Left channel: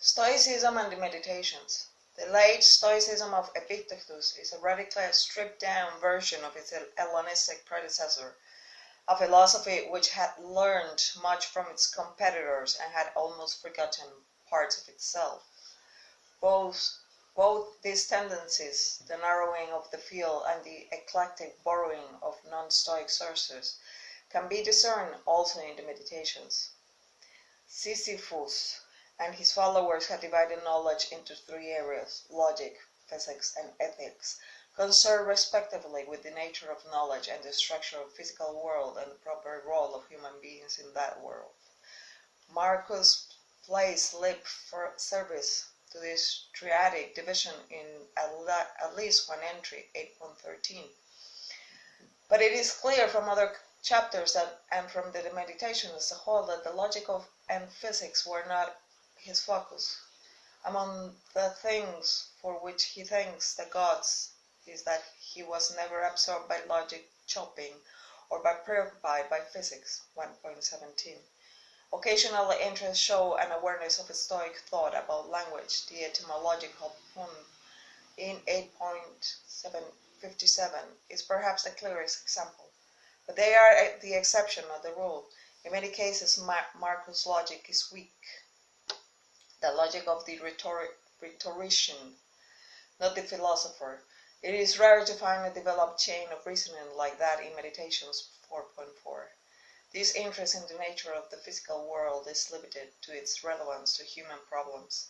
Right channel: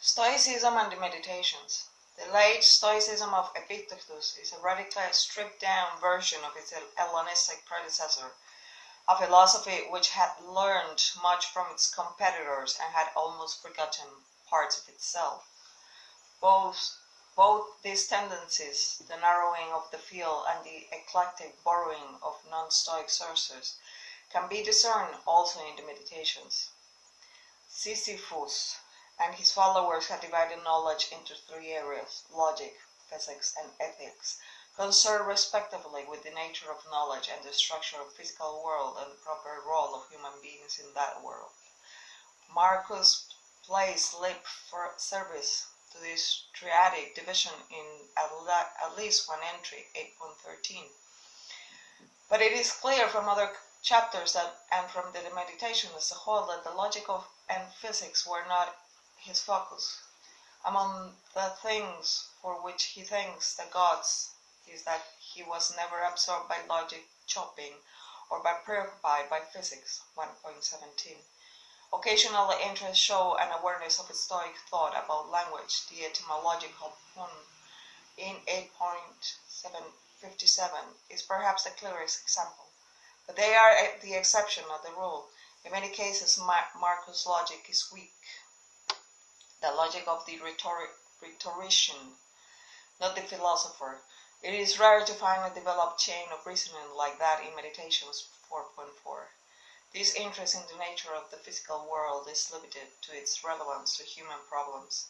Stoicism and the Meditations. The late Stoicism of Epictetus is a radically stripped-down version of its Hellenistic predecessor, a philosophy which had learned much from its competitors and had almost forgotten parts of itself. Both these tendencies, the narrowing of the field and the eclectic borrowing of non-Stoic sources, can be discerned also in the Meditations. Sisyphus and his followers had divided knowledge into three areas: logic, physics, and ethics, concerned respectively with the nature of knowledge and the structure of the physical world and the proper role of human beings in that world. Marcus placed lip service to this triadic division in at least one entry, 8.13. But it is clear from other chapters and from the meditation as a whole that the logic and physics were not his focus. Among the things for which he thanks the gods is that he was never absorbed by logic chopping or preoccupied by physics, 1.17. Occasionally interests show an awareness of Stoic thought about language, the etymological pun in 8.57 is perhaps the clearest example. But they are the exception, not the rule. In many cases, Marcus' logic is weak. The logic of the rhetorician, not the philosopher. It is rare to find a developed chain of reasoning like that in Meditations 4.4. This interest in the nature of the physical world is limited to its relevance to human problems.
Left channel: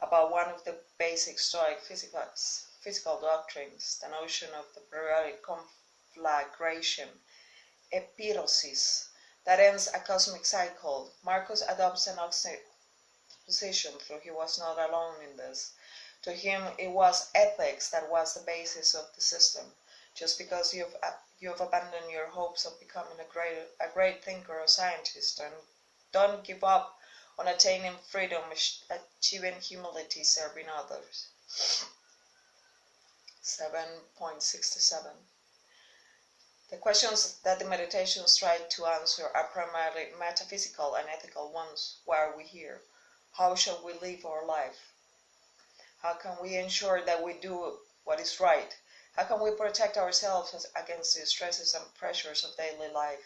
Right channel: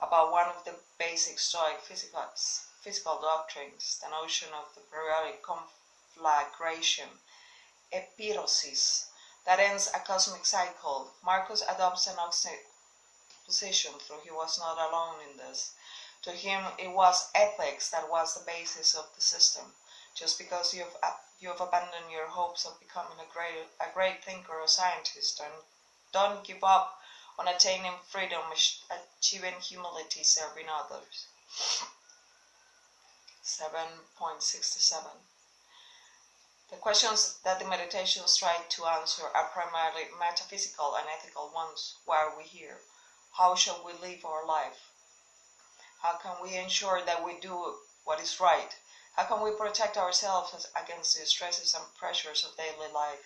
About one of the basic Stoic physical doctrines, the notion of the periodic conflagration, epirosis, that ends a cosmic cycle, Marcus adopts an opposite position, though he was not alone in this. To him, it was ethics that was the basis of the system. Just because you have abandoned your hopes of becoming a great thinker or scientist, and don't give up on attaining freedom, achieving humility, serving others. 7.67. The questions that the Meditations try to answer are primarily metaphysical and ethical ones. Why are we here? How shall we live our life? How can we ensure that we do what is right? How can we protect ourselves against the stresses and pressures of daily life?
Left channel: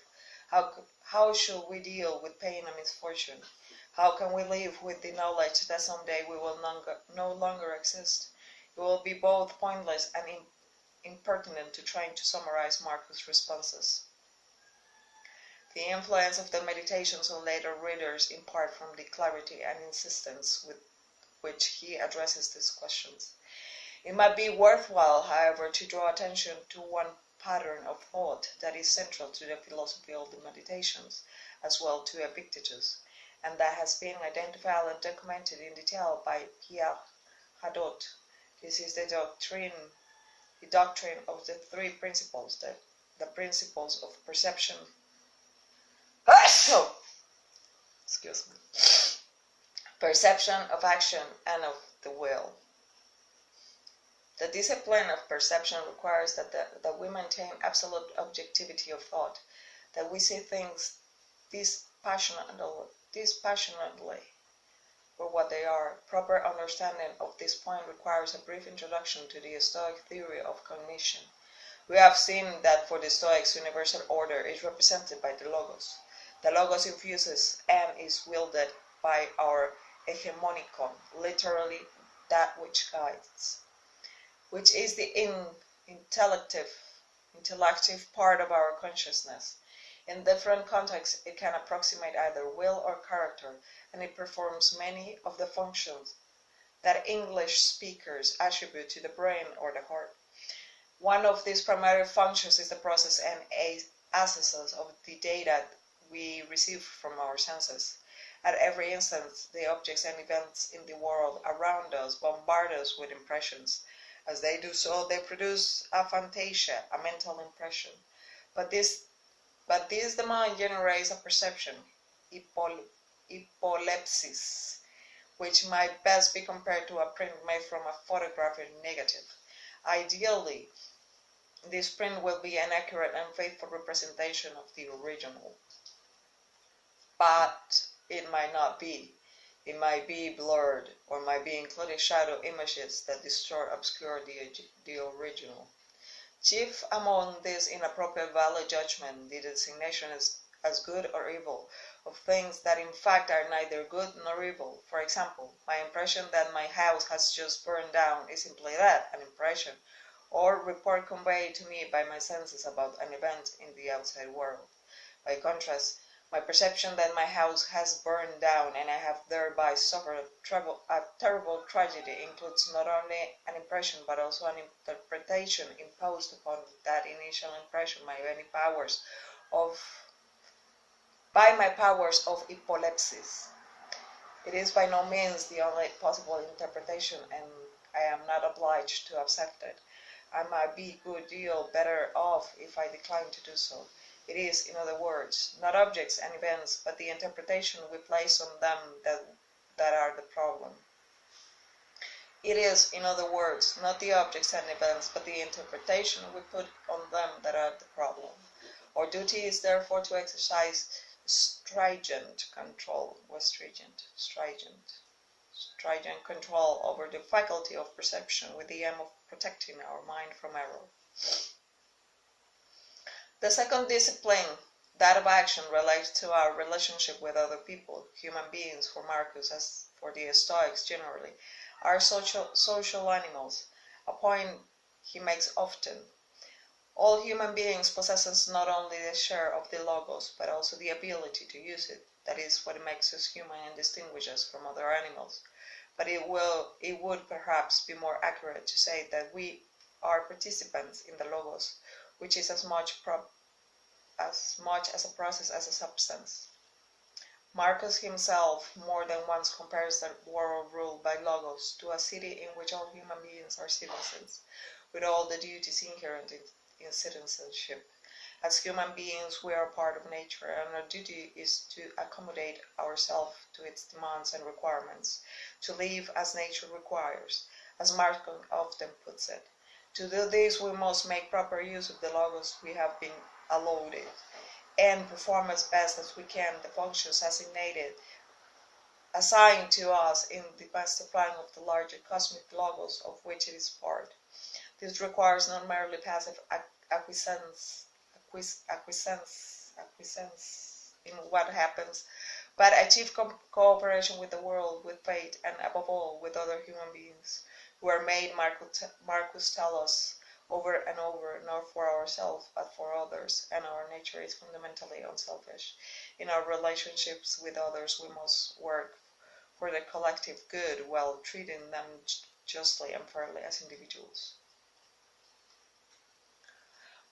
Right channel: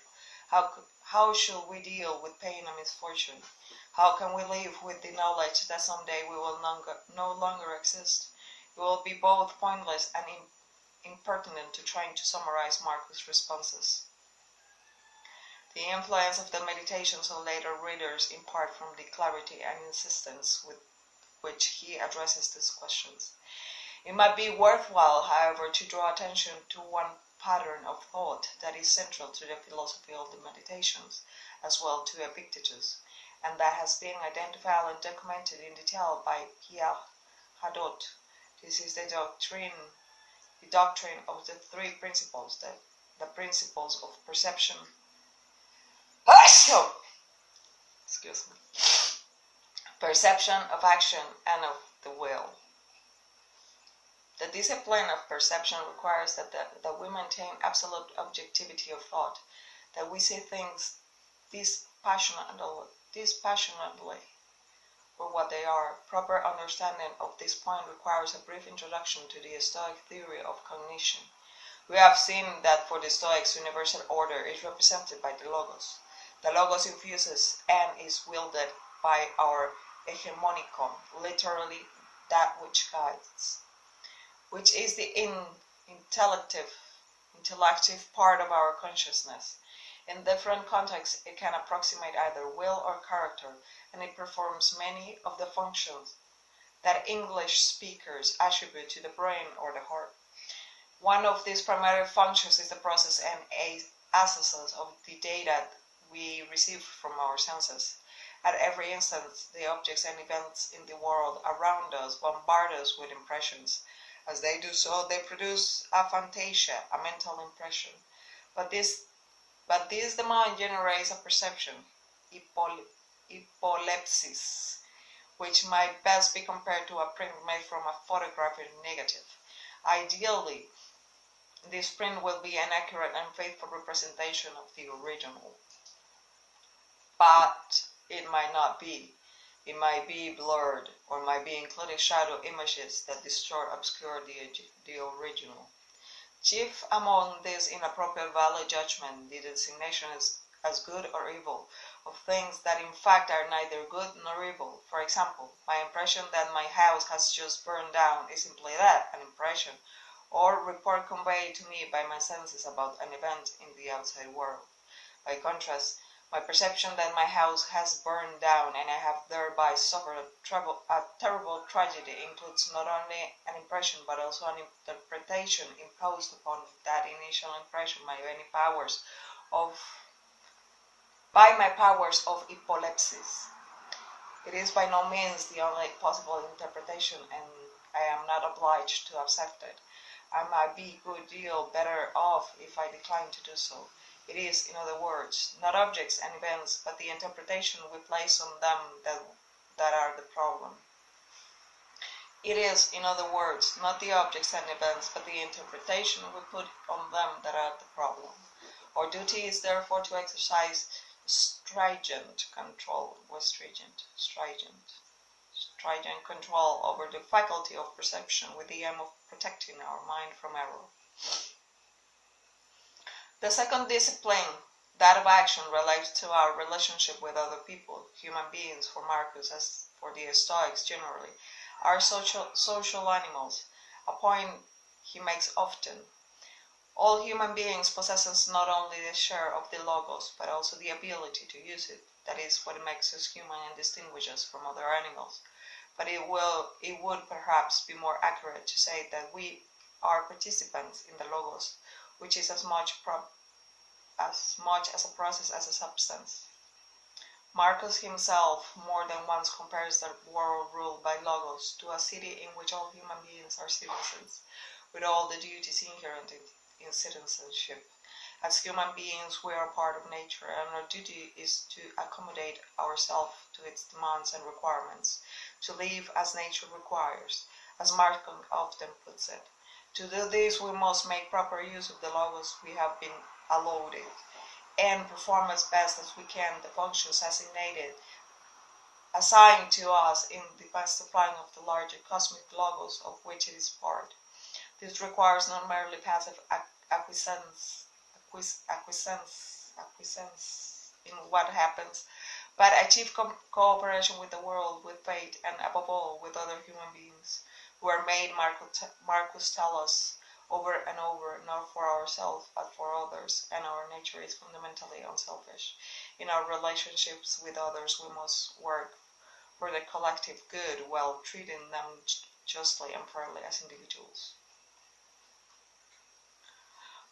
How should we deal with pain and misfortune? How can we live with the knowledge that someday we will no longer exist? It will be both pointless and impertinent to trying to summarize Marcus' responses. The influence of the Meditations on later readers in part from the clarity and insistence with which he addresses these questions. It might be worthwhile, however, to draw attention to one pattern of thought that is central to the philosophy of the Meditations, as well to Epictetus, and that has been identified and documented in detail by Pierre Hadot. This is the doctrine of the three principles, the principles of perception, perception, of action, and of the will. The discipline of perception requires that we maintain absolute objectivity of thought, that we see things dispassionately for what they are. Proper understanding of this point requires a brief introduction to the Stoic theory of cognition. We have seen that for the Stoics, universal order is represented by the Logos. The Logos infuses and is wielded by our hegemonicon, literally that which guides, which is the intellective part of our consciousness. In different contexts, it can approximate either will or character, and it performs many of the functions that English speakers attribute to the brain or the heart. One of these primary functions is the process and assessment of the data we receive from our senses. At every instant, the objects and events in the world around us bombard us with impressions. As they do so, they produce a fantasia, a mental impression. But this the mind generates a perception, hypolepsis, which might best be compared to a print made from a photographic negative. Ideally, this print will be an accurate and faithful representation of the original. But it might not be. It might be blurred, or might be including shadow images that distort, obscure the original. Chief among these inappropriate value judgment, the designation as good or evil of things that in fact are neither good nor evil. For example, my impression that my house has just burned down is simply that, an impression, or report conveyed to me by my senses about an event in the outside world. By contrast, my perception that my house has burned down and I have thereby suffered a terrible tragedy includes not only an impression but also an interpretation imposed upon that initial impression by my powers of epilepsis. It is by no means the only possible interpretation, and I am not obliged to accept it. I might be a good deal better off if I decline to do so. It is, in other words, not objects and events, but the interpretation we place on them that are the problem. It is, in other words, not the objects and events, but the interpretation we put on them that are the problem. Our duty is therefore to exercise stringent control over the faculty of perception with the aim of protecting our mind from error. The second discipline, that of action, relates to our relationship with other people. Human beings, for Marcus as for the Stoics generally, are social animals, a point he makes often. All human beings possess not only the share of the logos, but also the ability to use it. That is what makes us human and distinguishes us from other animals. But it would perhaps be more accurate to say that we are participants in the logos, which is as much as a process as a substance. Marcus himself more than once compares the world ruled by logos to a city in which all human beings are citizens, with all the duties inherent in citizenship. As human beings, we are part of nature, and our duty is to accommodate ourselves to its demands and requirements, to live as nature requires, as Marcus often puts it. To do this, we must make proper use of the logos we have been allotted, and perform as best as we can the functions assigned to us in the supplying of the larger cosmic logos of which it is part. This requires not merely passive acquiescence in what happens, but active cooperation with the world, with fate, and above all with other human beings, who are made, Marcus tells us over and over, not for ourselves but for others, and our nature is fundamentally unselfish. In our relationships with others, we must work for the collective good while treating them justly and fairly as individuals.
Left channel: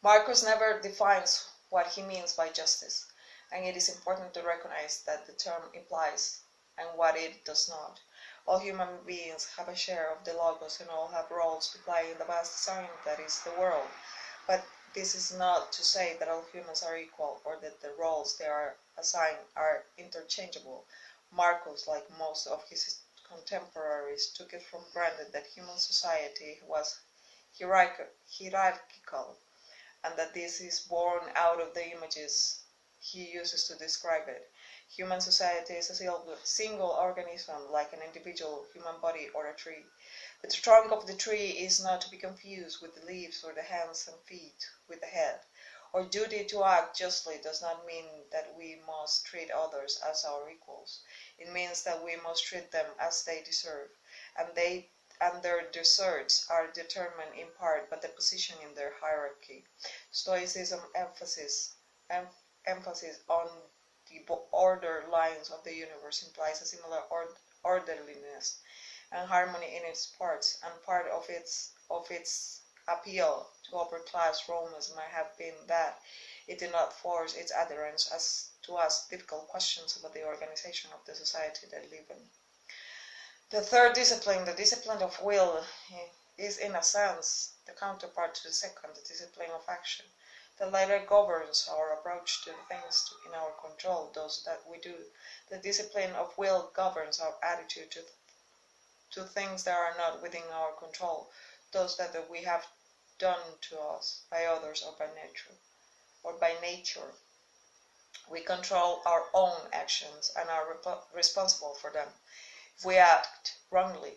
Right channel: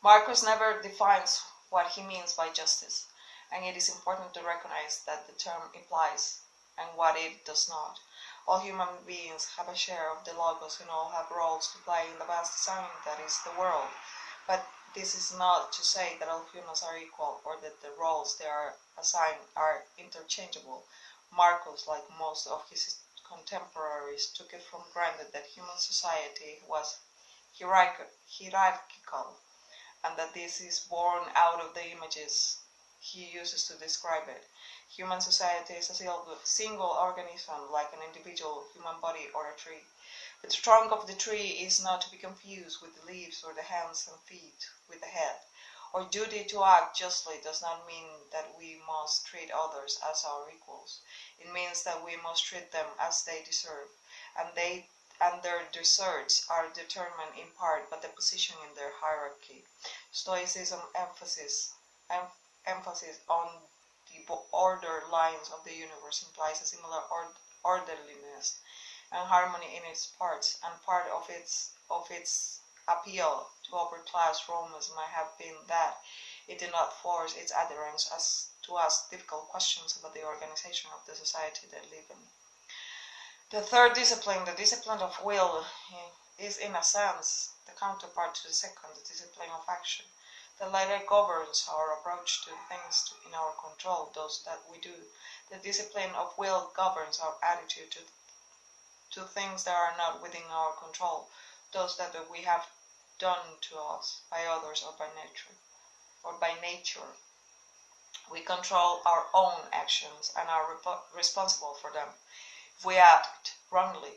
Marcus never defines what he means by justice, and it is important to recognize that the term implies and what it does not. All human beings have a share of the logos and all have roles to play in the vast design that is the world. But this is not to say that all humans are equal or that the roles they are assigned are interchangeable. Marcus, like most of his contemporaries, took it for granted that human society was hierarchical, and that this is born out of the images he uses to describe it. Human society is a single organism, like an individual human body or a tree. But the trunk of the tree is not to be confused with the leaves or the hands and feet with the head. Our duty to act justly does not mean that we must treat others as our equals. It means that we must treat them as they deserve, and their deserts are determined in part by the position in their hierarchy. Stoicism emphasis on the order lines of the universe implies a similar orderliness and harmony in its parts, and part of its appeal to upper-class Romans might have been that it did not force its adherents to ask difficult questions about the organization of the society they live in. The third discipline, the discipline of will, is in a sense the counterpart to the second, the discipline of action. The latter governs our approach to the things in our control, those that we do. The discipline of will governs our attitude to things that are not within our control, those that we have done to us by others or by nature. We control our own actions and are responsible for them. If we act wrongly,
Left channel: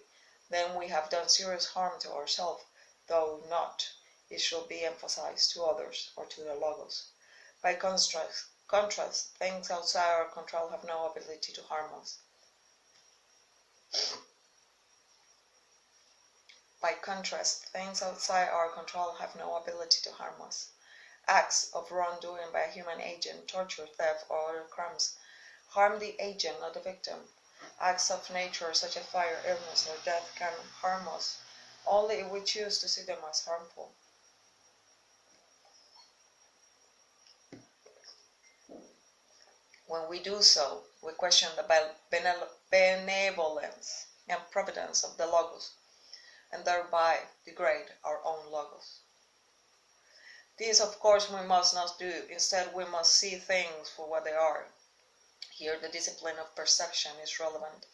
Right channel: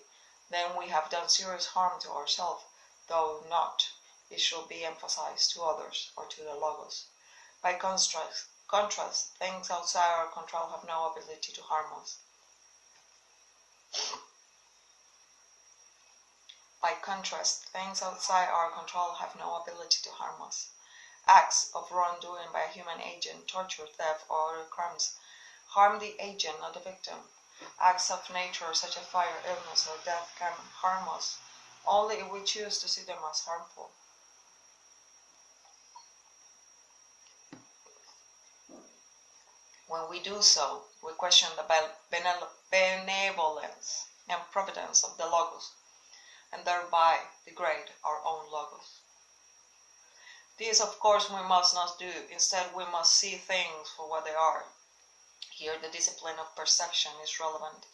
then we have done serious harm to ourselves, though not, it should be emphasized, to others or to the Logos. By contrast, things outside our control have no ability to harm us. By contrast, things outside our control have no ability to harm us. Acts of wrongdoing by a human agent, torture, theft, or other crimes, harm the agent, not the victim. Acts of nature such as fire, illness, or death can harm us only if we choose to see them as harmful. When we do so, we question the benevolence and providence of the Logos, and thereby degrade our own Logos. This, of course, we must not do. Instead, we must see things for what they are. Here, the discipline of perception is relevant,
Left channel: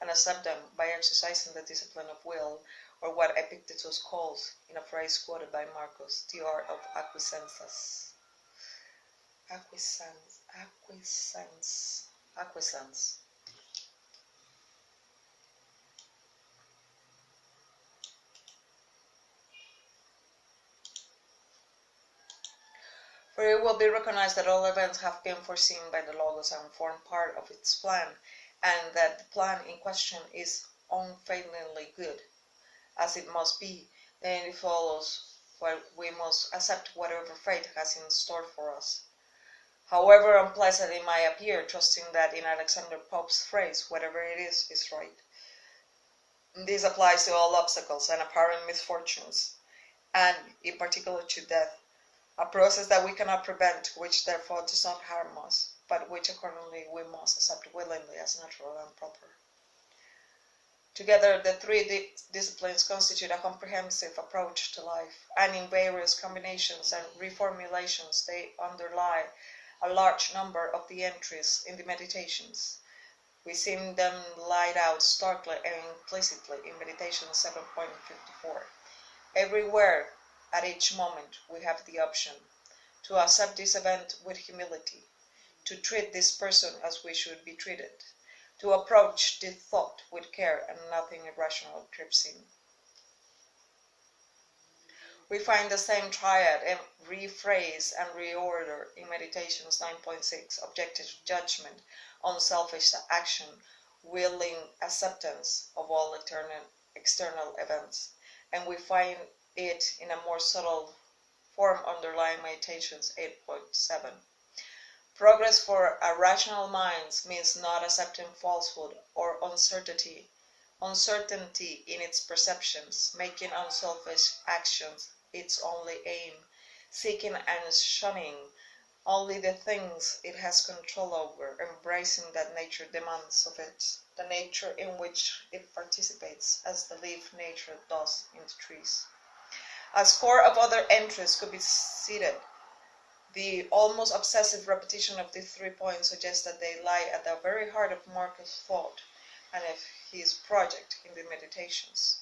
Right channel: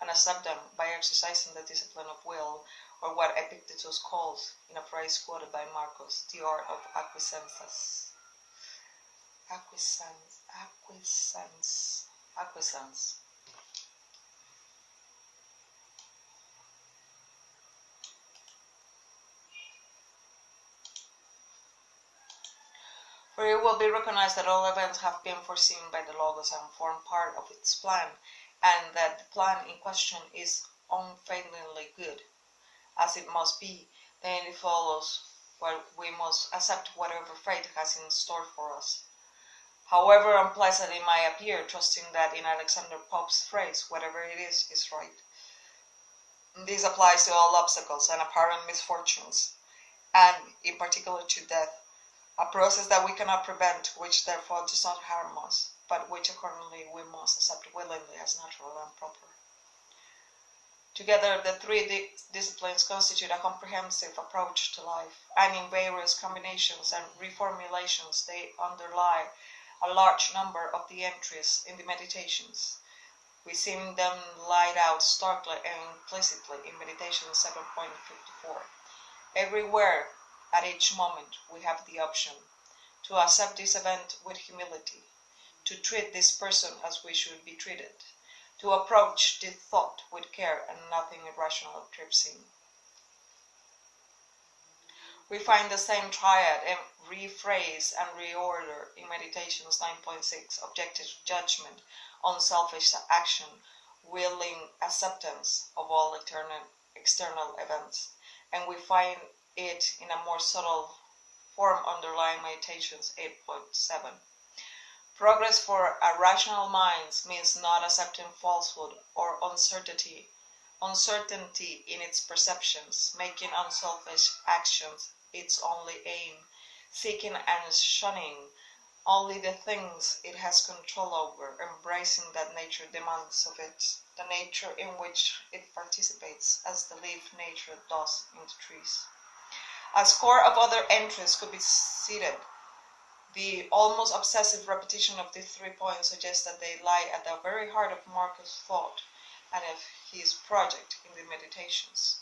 and accept them by exercising the discipline of will, or what Epictetus calls, in a phrase quoted by Marcus, the art of acquiescence. Acquiescence. For it will be recognized that all events have been foreseen by the Logos and form part of its plan, and that the plan in question is unfailingly good, as it must be. Then it follows that we must accept whatever fate has in store for us. However unpleasant it might appear, trusting that in Alexander Pope's phrase, whatever it is right. This applies to all obstacles and apparent misfortunes, and in particular to death, a process that we cannot prevent, which therefore does not harm us, but which accordingly we must accept willingly as natural and proper. Together, the three disciplines constitute a comprehensive approach to life, and in various combinations and reformulations they underlie a large number of the entries in the Meditations. We see them laid out starkly and implicitly in Meditation 7.54. Everywhere, at each moment, we have the option to accept this event with humility, to treat this person as we should be treated, to approach this thought with care and nothing irrational trips in. We find the same triad and rephrase and reorder in Meditations 9.6, objective judgment, unselfish action, willing acceptance of all external events, and we find it in a more subtle form underlying Meditations 8.7. Progress for a rational mind means not accepting falsehood or uncertainty in its perceptions, making unselfish actions its only aim, seeking and shunning only the things it has control over, embracing that nature demands of it, the nature in which it participates, as the leaf nature does in the trees. A score of other entries could be cited. The almost obsessive repetition of these 3 points suggests that they lie at the very heart of Marcus' thought and of his project in the Meditations.